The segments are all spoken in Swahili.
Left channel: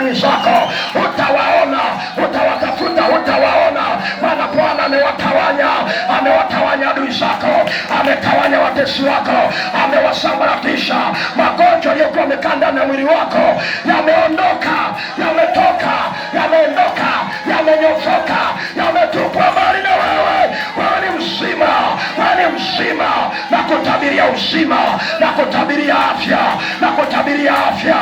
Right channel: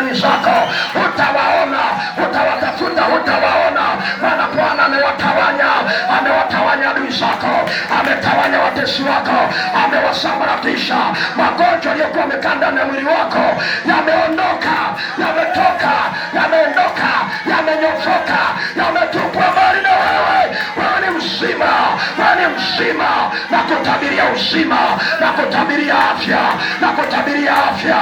adui zako, utawaona, utawatafuta, utawaona, maana Bwana amewatawanya adui zako, ametawanya watesi wako, amewasambaratisha. Magonjwa yaliyokuwa yamekaa ndani ya mwili wako yameondoka, yametoka, yameondoka, yamenyofoka, yametupwa mbali na wewe. Wewe ni mzima, wewe ni mzima, na kutabiria uzima, na kutabiria afya, na kutabiria afya.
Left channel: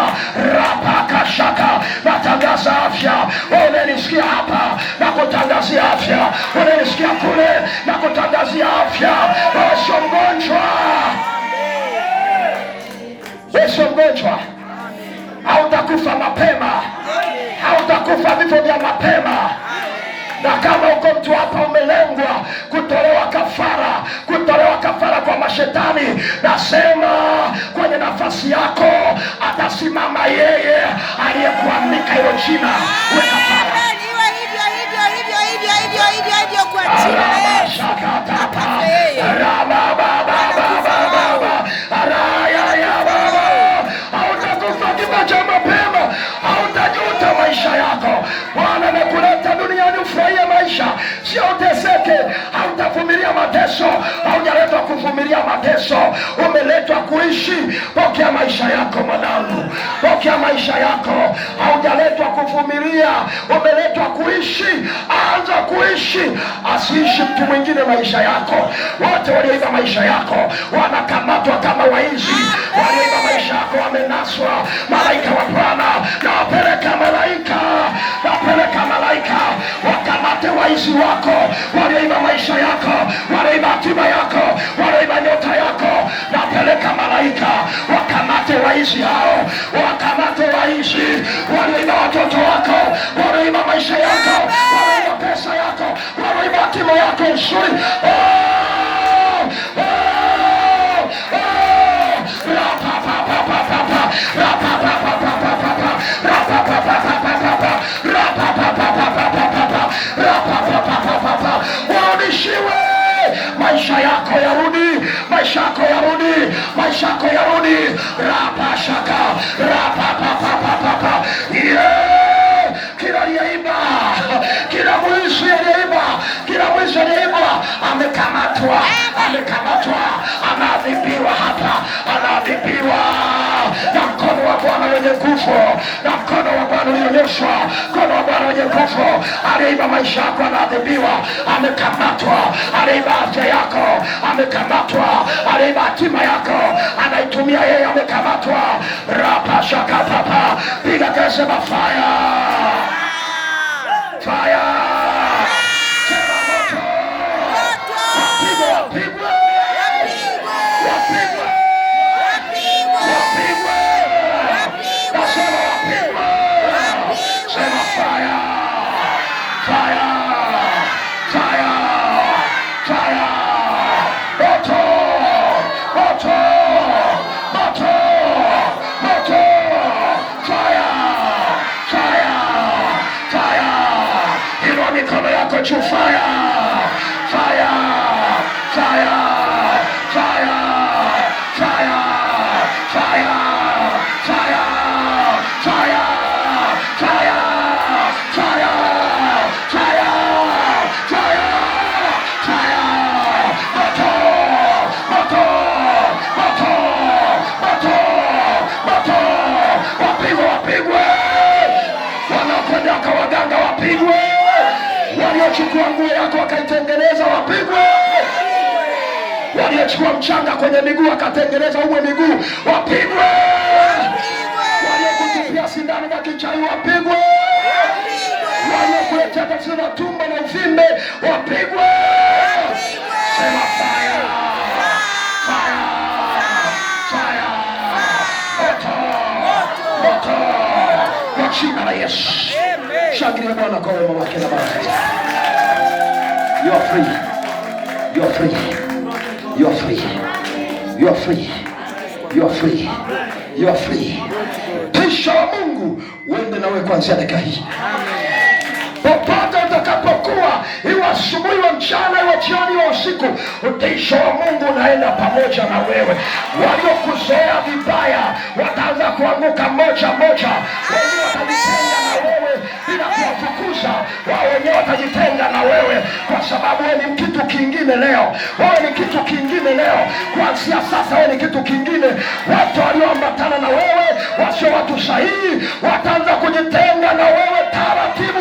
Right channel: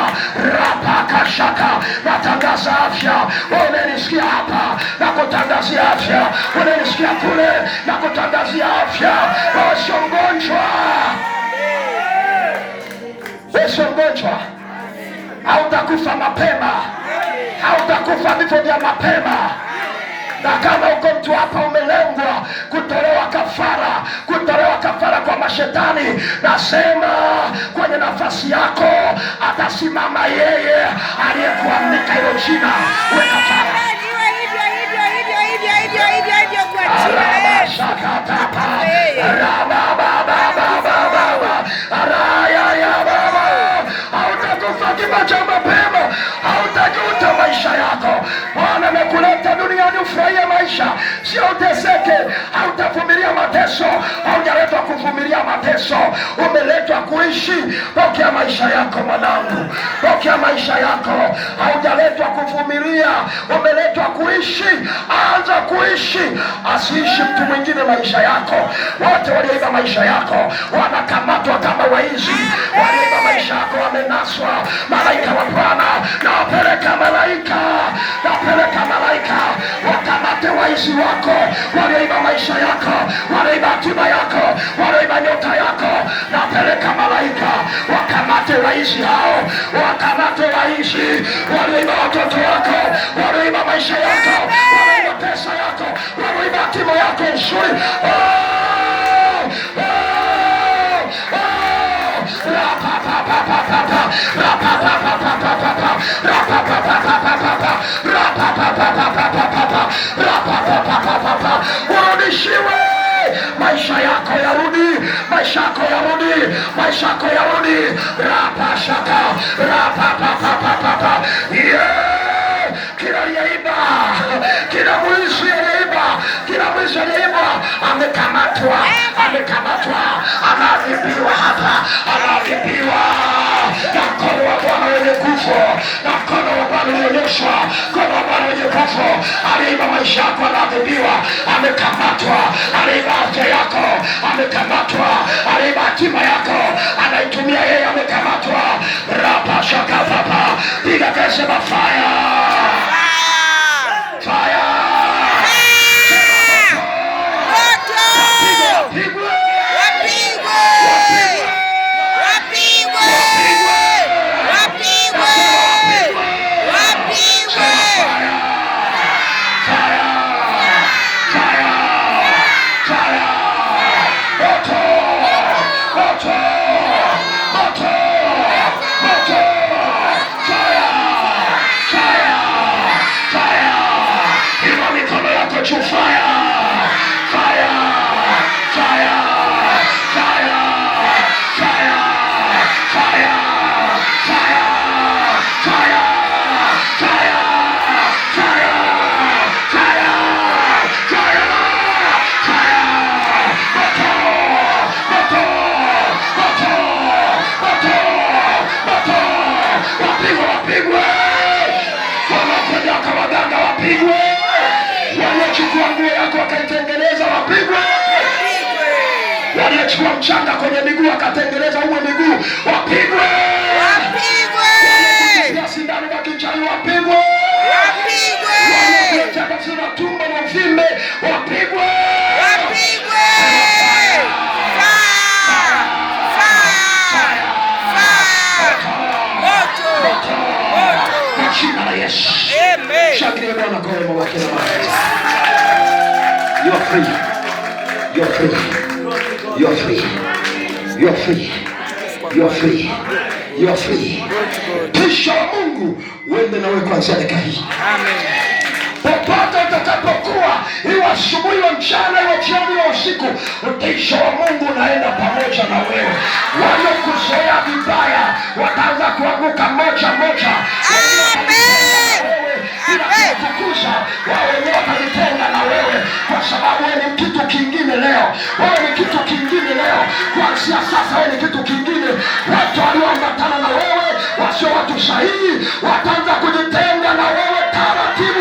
Rapakashaka, natangaza afya. Wewe unanisikia hapa, na kutangazia afya. Unanisikia kule, na kutangazia afya. Wewe sio mgonjwa, wewe sio mgonjwa. Hautakufa mapema, hautakufa vifo vya mapema. Na kama uko mtu hapa umelengwa kutolewa kafara kwa mashetani, nasema kwenye nafasi yako atasimama yeye aliyekuandika hilo jina. Uwe kafara. Hautakufa kifo cha mapema, hautajuta maisha yako. Bwana amekuleta duniani ufurahie maisha, sio uteseke. Hautavumilia mateso, haujaletwa kuvumilia mateso, umeletwa kuishi. Pokea maisha yako mwanangu, pokea maisha yako. Haujaletwa kuvumilia, umeletwa kuishi. Anza kuishi, asiishi mtu mwingine maisha yako. Wote walioiba maisha yako wanakamatwa kama waizi. Walioiba maisha yako wamenaswa. Malaika wa Bwana napeleka malaika wakamate waizi wako walioiba maisha yako, walioiba hatima yako, walioiba nyota yako. Napeleka malaika wakamate waizi hao, wakamate waizi walioiba watoto wako, walioiba maisha yako, walioiba pesa yako, walioiba hatima yako nzuri. Warudishiwe maisha yako, yarudi maisha yako, yarudi maisha yako, yarudi. Rapashaka rapapapapapa. Kila aliyeiba, kila mwizi aliyeiba, kila mwizi aliyeiba amekamatwa, anaadhibiwa hapa, anaadhibiwa na mkono wa Bwana wenye nguvu, na mkono wa Bwana unaonyeshwa, mkono wa Bwana wenye nguvu. Aliyeiba maisha yako anaadhibiwa, amekamatwa. Aliyeiba afya yako amekamatwa, aliyeiba hatima yako anaitumia yeye, amekamatwa. Rapashaka papa, piga pesa mafaya, fire. Waliochukua nguo yako wakaitengeneza wapigwe. Waliochukua mchanga kwenye miguu wakatengeneza uwe miguu wapigwe. Waliokutupia sindano na kichai wapigwe. Waliokuletea tatizo la tumbo na uvimbe wapigwe. Kwa jina la Yesu. Shangilia Bwana kwa wema wake na baraka. You are free. You are free. You are free. You are free. You are free. You are free. Kisha wa Mungu uende nawe kuanzia dakika hii. Amen. Popote utakapokuwa, iwe asubuhi, iwe mchana, iwe jioni, iwe usiku, utisho wa Mungu unaenda pamoja na wewe. Waliokuzoea vibaya wataanza kuanguka moja moja. Amen. watakufukuza, wao wenyewe watajitenga na wewe, kwa sababu wewe ni kitu kingine leo. Wewe ni kitu kingine leo. Kuanzia sasa wewe ni kitu kingine. Watu walioambatana na wewe wasio watu sahihi wataanza kujitenga na wewe taratibu.